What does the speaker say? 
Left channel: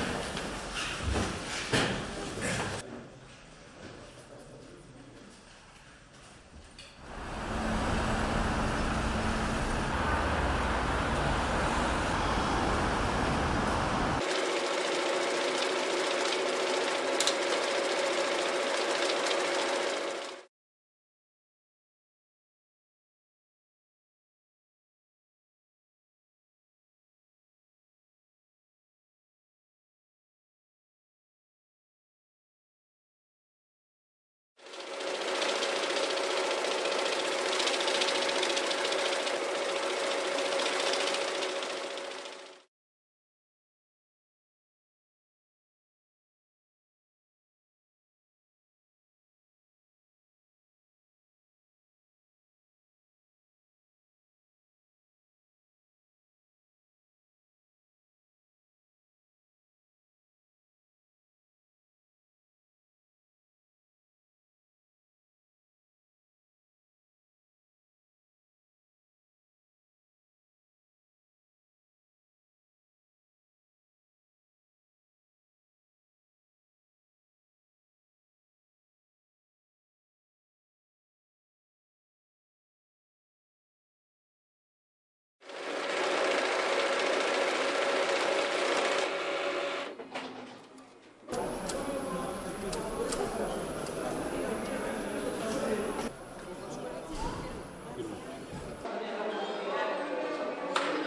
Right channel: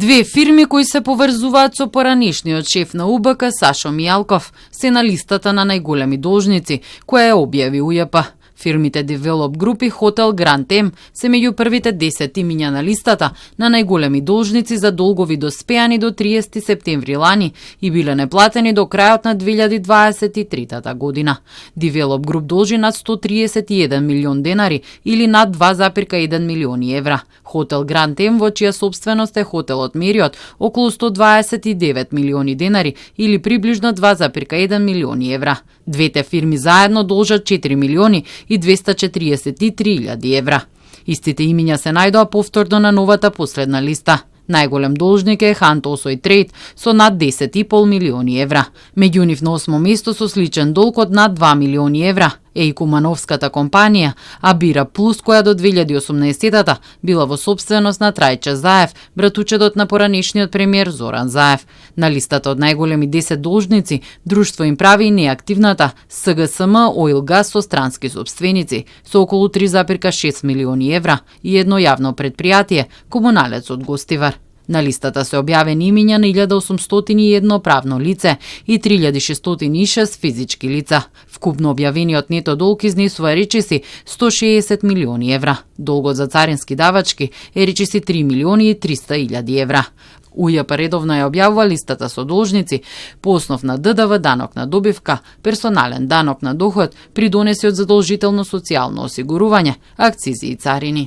Две фирми кои се поврзуваат со поранешниот шеф на УБК Сашо Мијалков се на листата на најголеми должници, која ја објави УЈП. Фирмите Develop Group и Хотел Гранд М се меѓу првите 10 имиња на листата на најголеми должници за долгови доспеани до 30 септември лани и биле неплатени до крајот на 2023 година. Develop Group должи над 131 милион денари или над 2,1 милиони евра. Хотел Гранд М, во чија собственост е хотелот Мериот, околу 129 милиони денари или приближно 2,1 милиони евра. Двете фирми заедно должат 4 милиони и 243.000 евра. Истите имиња се најдоа повторно на новата последна листа. Најголем должник е Хант Осој Трейд со над 10,5 милиони евра. Меѓу нив на 8 место со сличен долг од над 2 милиони евра е и кумановската компанија Абира Плюс, која до 2018 била во собственост на Трајче Заев, братучедот на поранешниот премиер Зоран Заев. На листата од најголеми 10 должници, друштво им прави и неактивната СГСМ Оил Газ со странски собственици, со околу 3,6 милиони евра и едно јавно предпријатие, Комуналец од Гостивар. На листата се објавени имиња на 1801 правно лице и 3606 физички лица. Вкупно објавениот нето долг изнесува речиси 160 милиони евра. Долгот за царински давачки е речиси 3 милиони и 300.000 евра. УЈП редовно ја објавува листата со должници по основ на ДДВ, данок на добивка, персонален данок на доход, придонеси од задолжително социјално осигурување, акцизи и царини.